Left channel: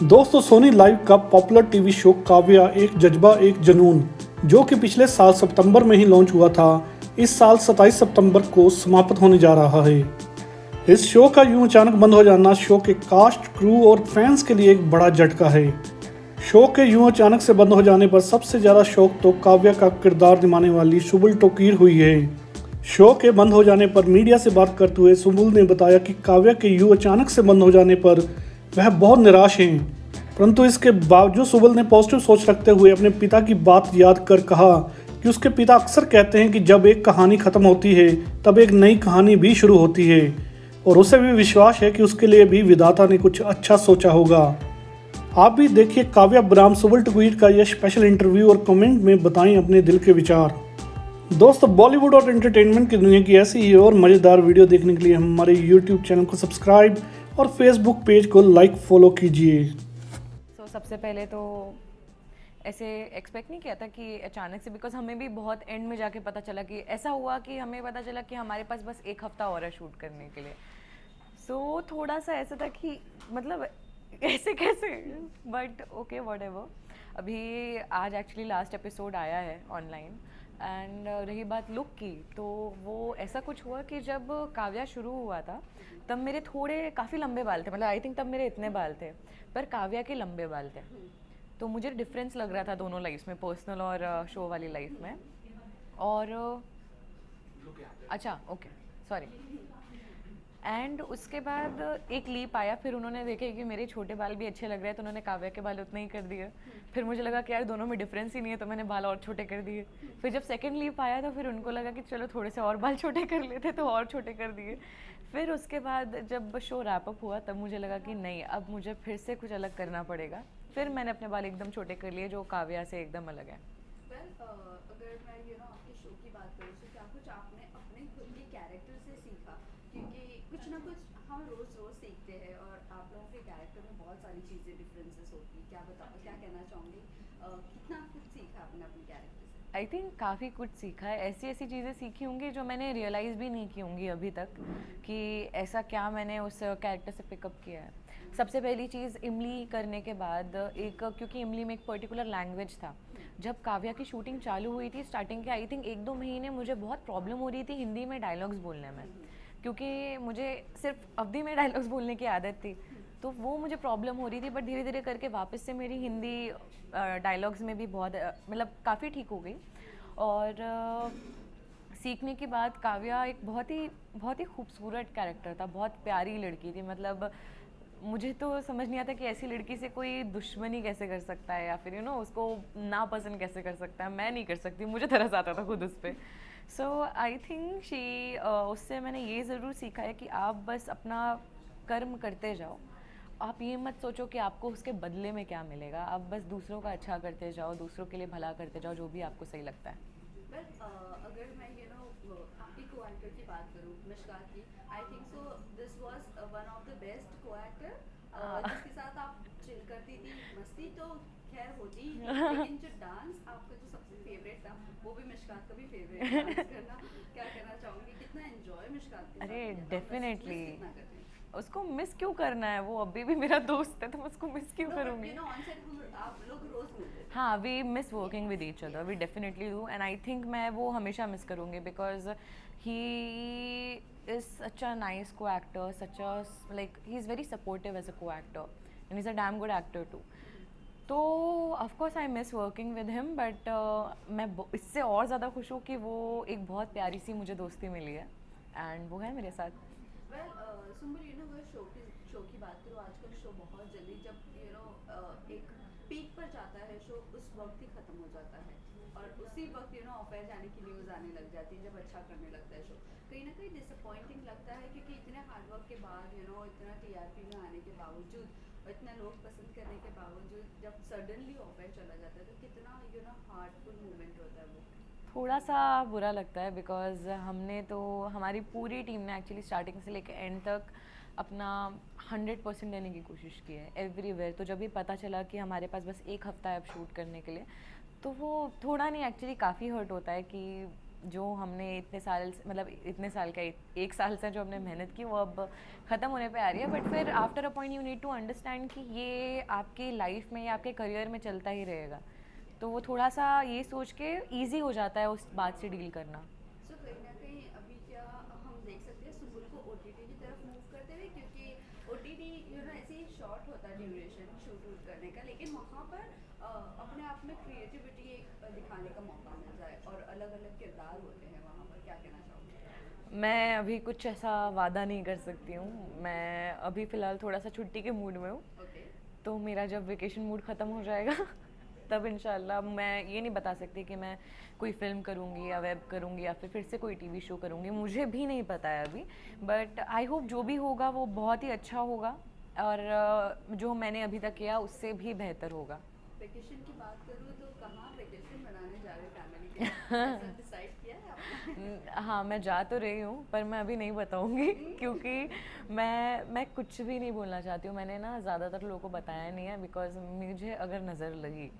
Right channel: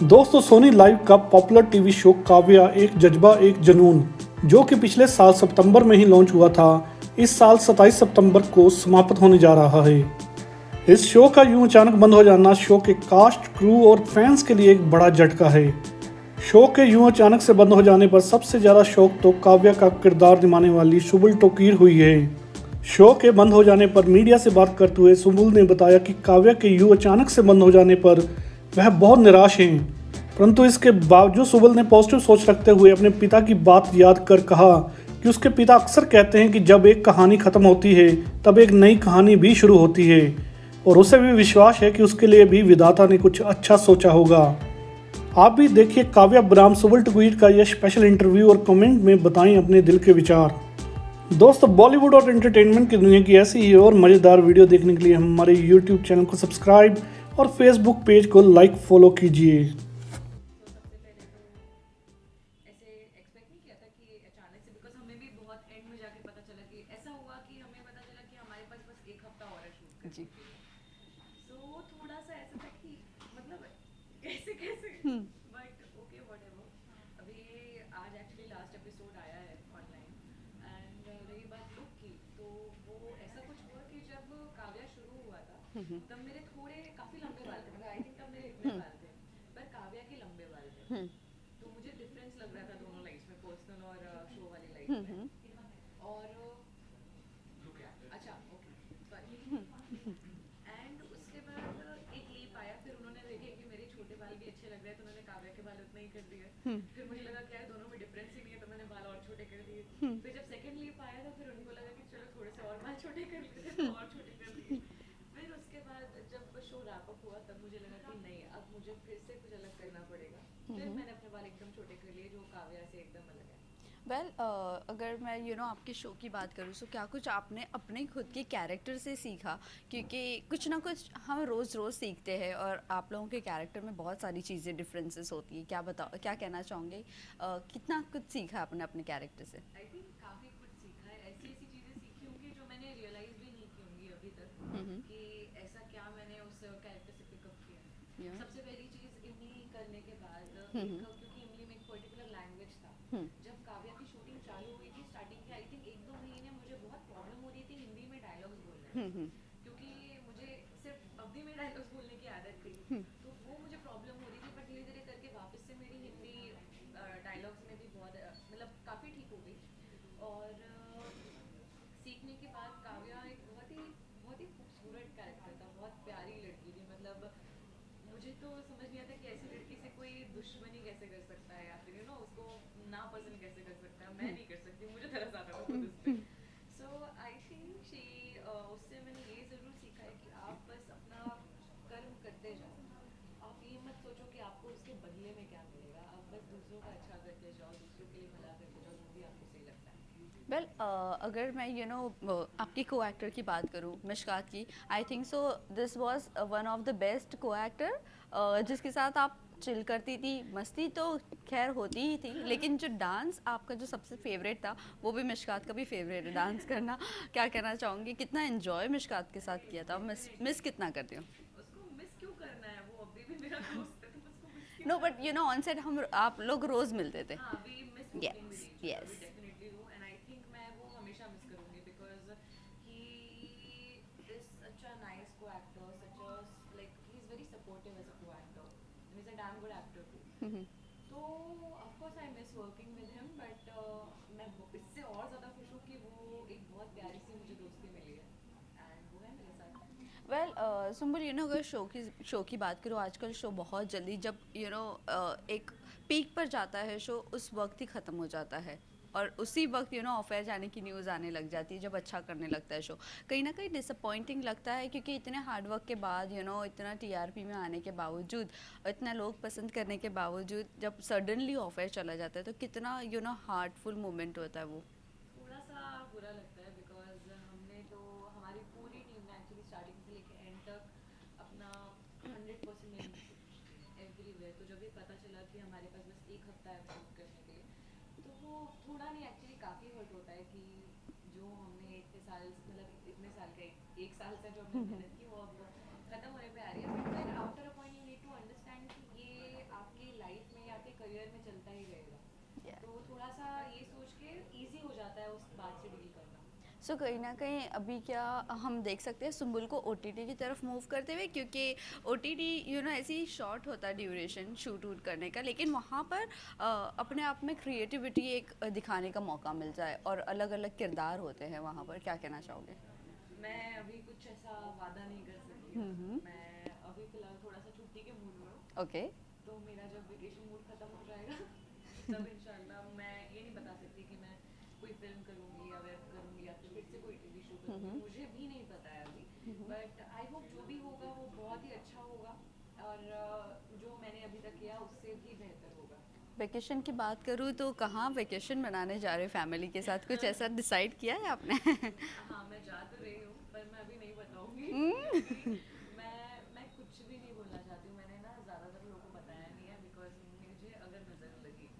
दोस्तों, सोनी लाइव का popular TV show Kavya एक जज्बा एक जुनून, जो कि पिछले साल सितंबर में ही लॉन्च हुआ था, इस साल 27 सितंबर को समाप्त होने जा रहा है। इस शो का यूं अचानक बंद हो जाना शो के कास्ट, क्रू और फैंस के लिए एक बड़ा झटका है। शो के यूं अचानक से बंद हो जाने पर सबसे ज्यादा शौक तो काव्या का किरदार निभाने वाली सुबुल टोकीर हुई है। शो के बंद हो जाने पर मीडिया से बात करते हुए सुबुल ने बताया कि काव्या के यूं अचानक से बंद हो जाने पर वह बहुत निराश हैं, परंतु इसके बावजूद सुबुल ने पॉजिटिव सोच रखते हुए अपने पिता की बात याद कर कहा कि उसके पिता अक्सर कहते हैं कि जब एक कहानी खत्म होती है तब एक नई कहानी भी शुरू होती है, और उसे भी विश्वास है कि उसके लिए भी विधाता ने कुछ अच्छा सोचा होगा। आप भी देखिए काव्या बनाम सुबुल टोकीर का यह स्पेशल इंटरव्यू और कमेंट में बताएं अपने दिल के विचार। दोस्तों, बॉलीवुड और एंटरटेनमेंट की दुनिया की ऐसी ही और मज़ेदार वीडियो देखने के लिए हमारे यूट्यूब चैनल को सब्सक्राइब और फेसबुक पेज को लाइक फॉलो कीजिए। सबसे पहले तो ऐसे एक्सपेक्ट नहीं किया था कि अचानक से, बिकॉज हमें भी बहुत एंड में जाके पता चला कि ऐसा हुआ कि हमें पता चला कि हमारे पास बस एक हफ्ता और है शूट करने के लिए। सो थोड़ा सा ऐसा था कि मतलब ऐसे कैसे, बट ओके व्हाटएवर। अभी आज एक्चुअली लास्ट एपिसोड आया है ऑनलाइन, एंड रही बात लुक की, तो वो ऐसा कुछ हुआ कि जब काव्या शुरू हुआ था तब मेरे थोड़े काफ़ी लंबे बाल थे, मतलब आई थिंक तब मेरे इतने बाल थे, पर काव्या के लंबे बाल थे। तो मुझे डिफरेंस लग रहा था दोनों लाइफ में, पर्सनल और शो वाली लाइफ में। और अच्छा ओके सॉरी। एंड उसके बाद एक लीप आया, फिर उन्होंने देखे कि मेरे छोटे बाल भी अच्छे लग रहे हैं, तो उन्होंने काव्या के बाल उतने ही कर दिए। फिर मुझे लगा कि यार दोनों में डिफरेंस ही नहीं है, तो मैंने बाल और छोटे कर दिए। फिर जब सेकंड लीप आया था, फिर उनको लगा कि चलो थोड़े से और बाल छोटे कर लेते, तो और छोटे कर दिए। फिर उसके बाद जब शो रैप अप हुआ तब मुझे लगा कि नहीं, अब मुझे फिर से कुछ अलग करना पड़ेगा। फिर मैंने अपने बाल एकदम छोटे कर लिए, जो काव्या से एकदम अलग है। अगर मैं आपके शो की बात करूँ, तो क्या कुछ आपने अपने खुद के कैरेक्टर से सीखा? क्योंकि कुछ ना कुछ हम रोज़ सीखते हैं, और आप लोगों के कैरेक्टर में बहुत सारी चीज़ें डिफरेंसेस होती हैं। क्या कहना चाहोगे? कितना कुछ सीखा आपने अपने कैरेक्टर से? आई थिंक काफ़ी कुछ सीखा है, ऐसी ऐसी चीज़ें सीखी होंगी जो मैंने रियलाइज़ भी नहीं की होंगी अभी तक, कि ऐसा क्या मैंने उस कैरेक्टर से पिकअप किया है। सबसे पहली चीज़, इमली करने के बाद एक, क्योंकि इमली में एक पर्टिकुलर लैंग्वेज था। जब काव्या की शूटिंग चालू हुई थी, स्टार्टिंग के आई थिंक 1-2 महीने मुझे बहुत प्रॉब्लम हो रही थी हिंदी में डायलॉग्स बोलने में, क्योंकि मुझे सिर्फ अवधी में डायलॉग्स बोलने की आदत थी, तो वो मुझे प्रॉब्लम हो रही थी। बट धीरे धीरे करके वापस से मेरी हिंदी डायलॉग्स में भी बहुत मतलब काफ़ी ठीक हो गई। और सीखने के बाद काव्या एक बहुत ही खूबसूरत कैरेक्टर था, बहुत प्यारी लड़की थी। मतलब मुझे तो समझ नहीं आता कि ऐसी लड़की से कोई दुश्मनी कैसे कर सकता है, या फिर उसको नापसंद कैसे कर सकता है। मैं नहीं कर सकती, मुझे तरस आता था खुद उस पर। सो आई थिंक उससे मैंने ये ज़रूर सीखा है कि आप बस अपना कर्म करते जाओ। आप ये मत सोचो कि आपको उसके बदले में क्या मिलेगा, आप बस दूसरों का अच्छा करते जाओ, दूसरों के लिए भला करते जाओ, जो भी आपको सही लगता है। अगर मैं आपकी को एक्टर की बात करूँ, मिशकात की, I think so this was one of the best को एक्टर, जिसके साथ आप चिल करती थी। मस्ती तो खैर होती ही थी, लेकिन जो डांस आपका जो सबसे फेवरेट था, वो भी मिशकात का भी फेवरेट डांस करना। क्या कहना चाहूँगी, कितना एंजॉय मिशकात के साथ किया था? मिस कितना करती हूँ उसको। मिस क्यों करना है, वो अभी भी मेरा दोस्त है, तो उसको मिस क्यों नो, करूँगी? बट ऑन सेट हम आप लोग रोज मिलते थे। हाँ, we miss working with each other, we yes. Definitely do, and I think मैं वो हमेशा मिस करूँगी, because he is such a nice co actor, such a like he is very supportive as a co actor, and is a damn good actor too. तो of course I miss working with him, but मैं इससे और ज़्यादा खुश हूँ कि वो एक बहुत प्यारी सी मुझे दोस्ती मिली है, एंड वो है मेरे साथ। सुम्बुल, अगर शो की बात करूँ, आजकल शो बहुत जल्दी, जब एक पीक पर जाता है शो, उस वक्त ही ख़त्म हो जाता है, और उसी वक्त ऑफेयर जाने की न्यूज़ आने लग जाती है जब अच्छा करने लगता है शो। कहीं ना कहीं डिसअपॉइंटिंग लगता है, क्योंकि इतने हार्डवर्क के बाद, इतना टीआरपी में आने के बावजूद, इतना लोग पसंद करने के बावजूद, जब सडनली ऑफेयर चला जाता है, तो कितना हार्टफुल मोमेंट होता है वो। थोड़ा सा बुरा लगता है, बिकॉज हमने तो, हमारी पूरी टीम ने एक्चुअली स्टार्टिंग से लेकर एंड तक अपना 100% देने की कोशिश की है एवरीवेयर। तो जब भी पता चला कि हमारे पास बस एक हफ्ता है अब शूट करने के लिए, तो वो थोड़ा नहीं, एक्चुअली काफ़ी हर्ट होता है कि जो हमने इतने साल मतलब इतने साल का एक साल से जो हमने मेहनत की वो अब ख़त्म होने पे आ रही है, बट फिर after a point you need to understand कि ये आपकी लाइफ में या आपके करियर में चलता ही रहेगा। तो वो थोड़ा सा ये सोच के ईजी हो जाता है उस बात से डील करना। सो कहीं ना कहीं अभी क्या हम देख सकते हैं सुम्बुल को ओटीटी की तरफ मूव करते हुए, क्योंकि ओटीटी ऐसे ही शॉर्ट होता है ड्यूरेशन शूट वूट करने का, लेकिन वहाँ पर अपने आप में क्रिएटिविटी एक दिखाने का मौका मिल जाए और अलग अलग किरदार होते हैं वहाँ पर, क्या कहना चाहोगे? मैं अभी कुछ ऐसा वादा नहीं कर सकती हूँ। मैं अभी फ़िलहाल थोड़ा सा छुट्टी के मूड में हूँ। ओके। तो मेरा जब वेकेशन मूड ख़त्म हो जाएगा तब इंशाल्लाह, मैं ये नहीं बता सकती कि मैं कोई फिल्म करूँगी या वेब करूँगी या फिर से कोई टीवी शो करूँगी, मुझे भी नहीं पता है अभी। बट आई होप जो भी होगा वो बहुत ही अच्छा होगा और जो मैंने अभी तक किया उससे भी बेहतर होगा। वेकेशन की बात करूँ तो कहाँ वेकेशन मनाने जा रहे हो फैमिली के साथ? कुछ ऐसा डिसाइड किया है आपने? हाँ, मैं जा तो रही हूँ पर मैं अभी नहीं बताऊँगी क्योंकि मैं कुछ भी नहीं बोलना चाहती हूँ। मैंने ना ज़्यादातर लोगों को बताया नहीं है बिकॉज मुझे अगर नज़र लगी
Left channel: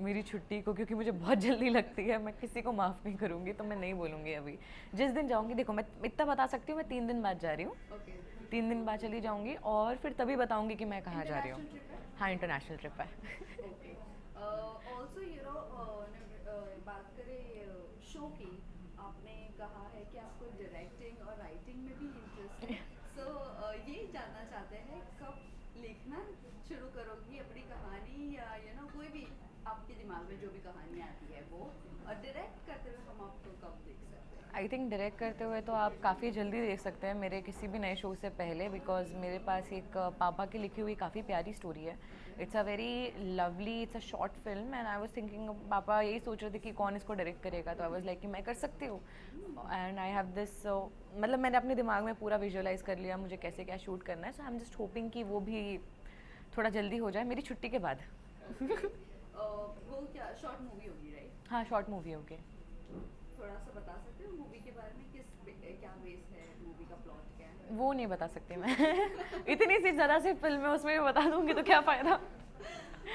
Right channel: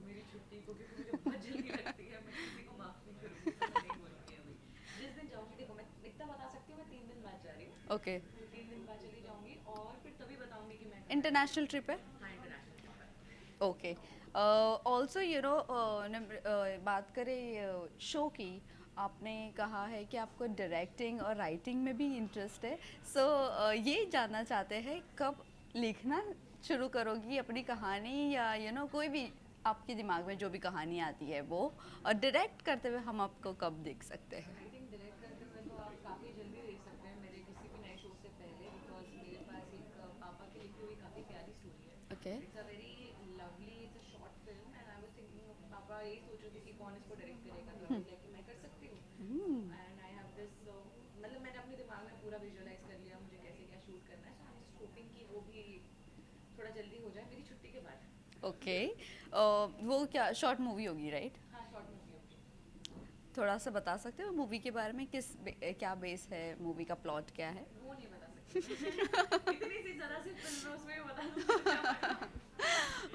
मेरी छुट्टी को, क्योंकि मुझे बहुत जल्दी लगती है, मैं किसी को माफ़ नहीं करूँगी, तो मैं नहीं बोलूँगी अभी। जिस दिन जाऊँगी, देखो मैं इतना बता सकती हूँ, मैं 3 दिन बाद जा रही हूँ। ओके। 3 दिन बाद चली जाऊँगी और फिर तभी बताऊँगी कि मैं कहाँ जा रही हूँ। इंटरनेशनल ट्रिप है? हाँ, इंटरनेशनल ट्रिप है। ओके। ऑल्सो बात करें शो की, आपने कहा है कि आपको डायरेक्टिंग और राइटिंग में भी इंटरेस्ट है। सो ये जानना चाहते हैं कब लिखना शुरू करोगी अपनी कहानी, या कोई भी आपके दिमाग में जो भी कहानी आती है वो, और डायरेक्ट करते हुए हम आपको कब देख सकते हैं? आई थिंक डायरेक्ट करते हुए तो आप काफ़ी जल्दी देख सकते हैं मेरे किसी भी नए शो से पहले, बिकॉज मेरे पास एक पापा की लिखी हुई काफ़ी प्यारी स्टोरी है। It's a very lovely, it's a short film and I was thinking, पापा यही सोच रहे थे कि कौन इसको डायरेक्ट करेगा, तो आई वाज लाइक कि मैं कर सकती हूँ। एंड आई हैव दिस, मतलब मैंने अपने दिमाग में पूरा विजुअलाइज कर लिया मुझे कैसे क्या शूट करना है। सो आई एम जस्ट होपिंग कि वो भी थोड़ा जल्दी हो जाए मेरी छुट्टी के बाद। ओके। वो क्या शॉर्ट मूवी होगी, राइट? हाँ, शॉर्ट मूवी होगी। थोड़ा सा बता सकते हो मूवी के बारे में, क्या बेस है मूवी का, प्लॉट क्या है? वो नहीं बता सकती मैं इतनी सी ज़रा सी फिल्म है, उसमें भी बता दूंगी तो क्या फ़ायदा।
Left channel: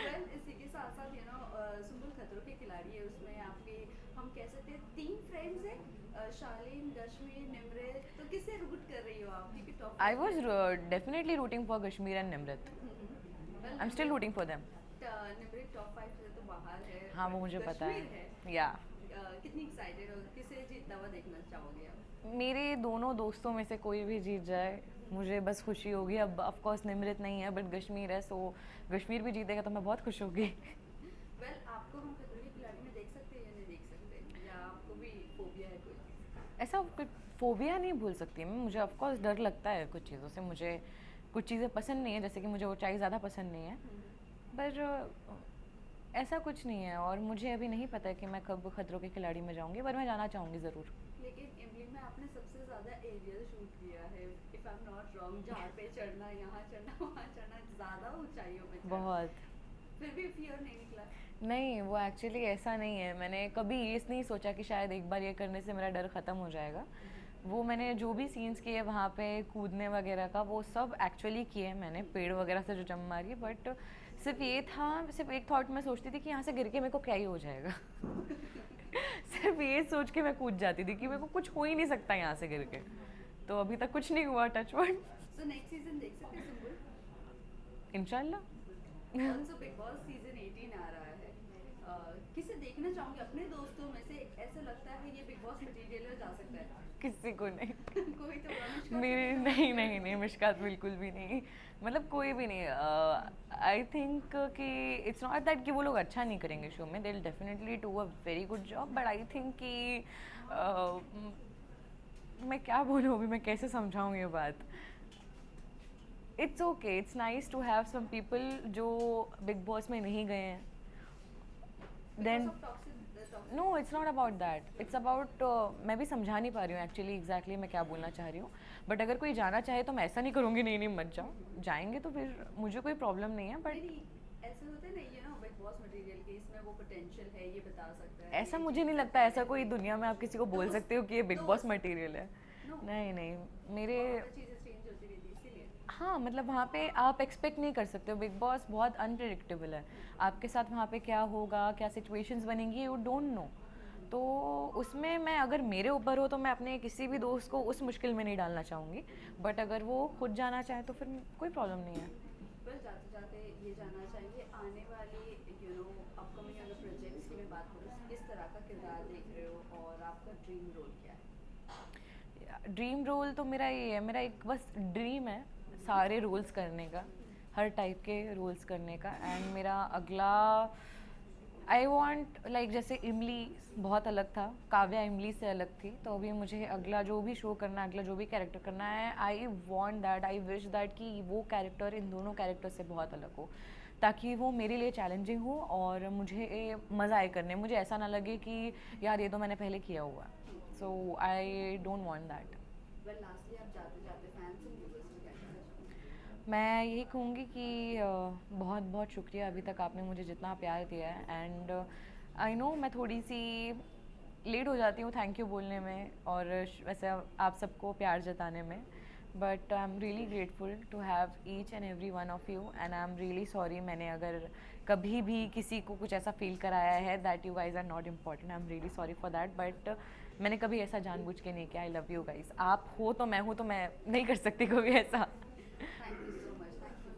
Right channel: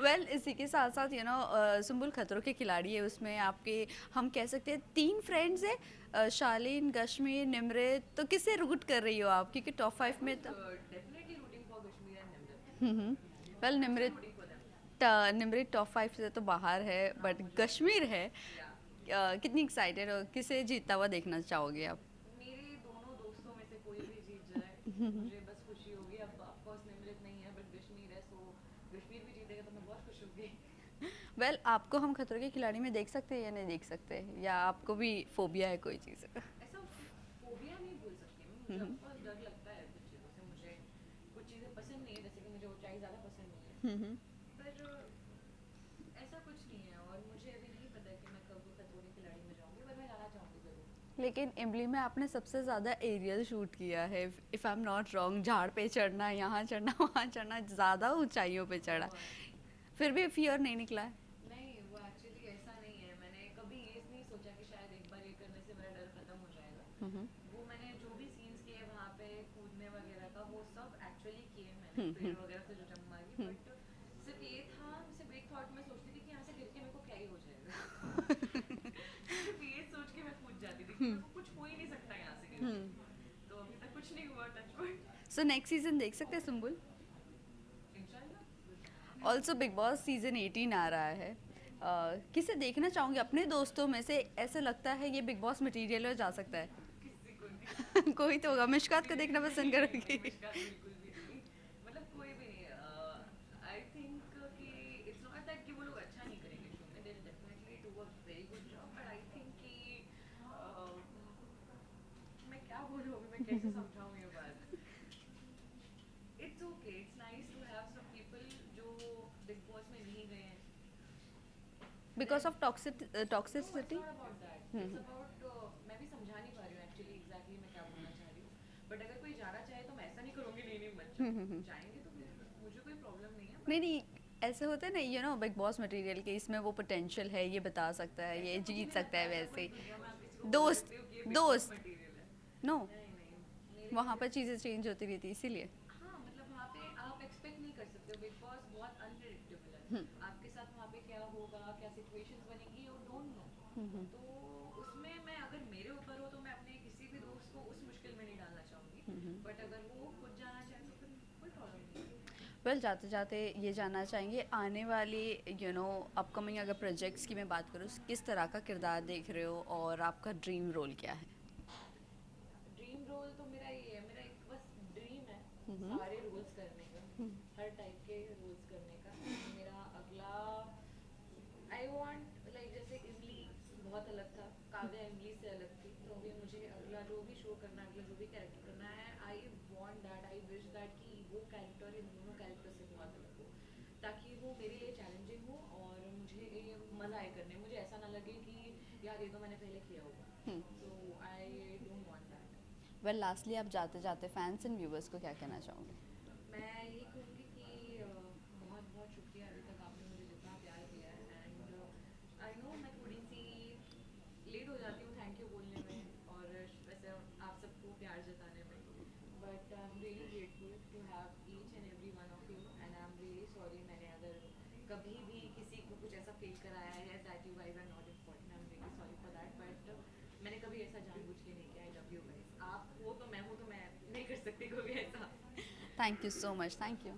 वेल, इसी के साथ साथ सुम्बुल खतरों के खिलाड़ी है, उसमें आपके हम कह सकते हैं 3 फ्रेंड्स है, शालीन, कश्मीर, निमृत। तो किससे रूट कर रही हो आप, क्योंकि टॉप 5 में? I was definitely rooting for Kashmir and Nimrit. Well, I am still rooting for them. Nimrit top 5 से तो बाहर है, हाँ, बट मुझे पता कश्मीर है। या कितनी एक्साइटेड हो, किसे जीतता हुआ देखना चाहोगे आप? मेरे दोनों दोस्तों में से कोई भी जीत जाए मुझे बस खुशी होगी। अब ऑफ कोर्स निमृत नहीं है बट कश्मीर है, सो कश्मीर भी जीतेगा तो मैं बहुत खुश होगी। वेल, आपको हम खतरों के खिलाड़ी में देख सकते हैं या नहीं देख सकते, या आपको भी फोबिया है कोई चीज़? ऐसा फोबिया नहीं बोल सकती मैं, मुझे ऑफ कोर्स डर लगता है कुछ चीज़ों से। मुझे कुछ चीज़ें पसंद नहीं है, जैसे कि मुझे ऊंचाई ज़्यादा पसंद नहीं है, पर ऐसा कुछ नहीं है। और मुझे अभी नहीं पता है कि मैं कब खतरों के खिलाड़ी में जाऊंगी, पर मैं जाना चाहूँगी ज़रूर। लेकिन इमली में आपने सबसे ज़्यादा एरियल शूट किया है, if I am not wrong. झाड़ पे चढ़ना, यहाँ चढ़ना, वहाँ चढ़ना, ज़्यादा ऊंचाइयों पे चढ़ना, फिर भी फियर नहीं निकला है? नहीं, वो एक्चुअली ऐसा नहीं है। मैंने कभी ये नहीं सोचा कि शायद एक बार ये करने से मेरा डर ख़त्म हो जाएगा। वो मैंने जो भी सीन्स किए वहाँ पे कूदने वगैरह का, वो सब एक्चुअली किए मैंने, पेड़ वगैरह से जो जम मारी। बट सिर्फ ये था, सिर्फ एक थॉट में सोचती थी कि यहाँ से गिर के मेरे को क्या ही हो जाएगा सिर्फ ये सोच के मैं कूद जाती थी कि मेरे को कुछ हो ही नहीं सकता यहाँ से गिर के। तो अभी तक कुछ नहीं हुआ, touch wood. So next season देख सकते हैं सुम्बुल? इंशाल्लाह। ऑल्सो बिग बॉस सीजन 18 आ रहा है, किसे देखना चाहूँगी अपने दोस्तों में से? ऐसा लगता है ये बिग बॉस मटेरियल में जा सकता है? किसी को नहीं कोई तो होगा। मिशकात को देखना पसंद करोगी? नहीं, मिशकात बिल्कुल भी नहीं, मतलब कोई भी नहीं। आई थिंक कि इट्स नॉट दैट कि वो लोग अच्छा नहीं करेंगे शो में, they will definitely do a very good job, but I think कि मैं क्या बोलूँ अभी, मैं कैसे समझाऊँ ये बात। It's okay, it's nice to have some people जो बिग बॉस में नहीं गए हैं। Because of toxicity? No, it's not about that. It's about मैं भी समझा नहीं पा रही हूँ एक्चुअली एग्जैक्टली मैं क्या बोलना चाह रही हूँ। बट अगर कोई जाना चाहे तो मैं ऐसा नहीं करूँगी नहीं मत जाओ। जाएंगे तो फिर मुझे कोई प्रॉब्लम नहीं है। नहीं, ऐसे होते हैं ना, बिग बॉस मटेरियल के, इसमें वो पोटेंशियल है, ये बता सकता है, ऐसा ये मुझे जीत नहीं सकता लगता है ऐसा कोई दुनिया में आप किसी को बोल सकते हो कि ये बिग बॉस मटेरियल है। नो नहीं नहीं, मेरे वहाँ पर चीज़ें चेंज होती रहती है इसीलिए। हाँ मतलब वहाँ पे आप एक्सपेक्ट नहीं कर सकते हो, बिग बॉस बहुत अनप्रिडिक्टेबल है। आपके साथ वहाँ पे क्या होगा, क्या सिचुएशंस बनेंगी, यू डोंट नो। तो उसमें मैं, अगर मेरे ऊपर हो तो मैं अपने किसी भी दोस्त को उस मुश्किल में नहीं डालना चाहूँगी, बट अगर वो खुद जाना चाहे तो फिर कोई प्रॉब्लम नहीं है। वेल जाते जाते ये जानना चाहेंगे आने वाली अपकमिंग अगर प्रोजेक्ट्स की मैं बात करूँ, किस तरह का किरदार देख रहे हो और आपका ड्रीम रोल क्या है? ड्रीम रोल तो मेरा ये है, मेरा एक बस ड्रीम है सारे रोल्स करने का, हर टाइप के रोल्स करने का। एंड मेरा अगला, आई वॉन्ट लाइक, जैसे इमली बहुत अलग था, काव्या इमली से अलग थी, तो अभी मुझे अगला जो भी शो करना है, अगला जो भी कैरेक्टर करना है, I want that, I wish that कि वो कैरेक्टर इन दोनों कैरेक्टर से बहुत अलग हो, ताकि वो मेरे लिए चैलेंजिंग हो और मुझे मज़ा आए करने, मुझे ऐसा ना लगे कि यार ये तो मैंने पहले किया हुआ। So I don't want that. Well lastly आप जाते जाते फैंस एंड व्यूवर्स को क्या कहना चाहोगे? मैं यही कहूँगी कि बहुत बहुत शुक्रिया अभी तक आपने मुझे जितना प्यार दिया है। एंड आई नो मैं थोड़ी सी लेट हो जाती हूँ थैंक यू बोलने में और वैसे आप सबको प्यार जताने में, but I am really grateful to have each and every one of you. And I am really sorry मैंने अगर कभी भी किसी को कुछ ऐसा फील कराया है that you guys are not important, I am really sorry for that, but मैंने कभी ऐसा जानबूझ के नहीं किया। आई लव यू गाइज, आप हो तो मैं हूँ, तो मैं नहीं कर सकती कभी ऐसा। Thank you so much, thank you.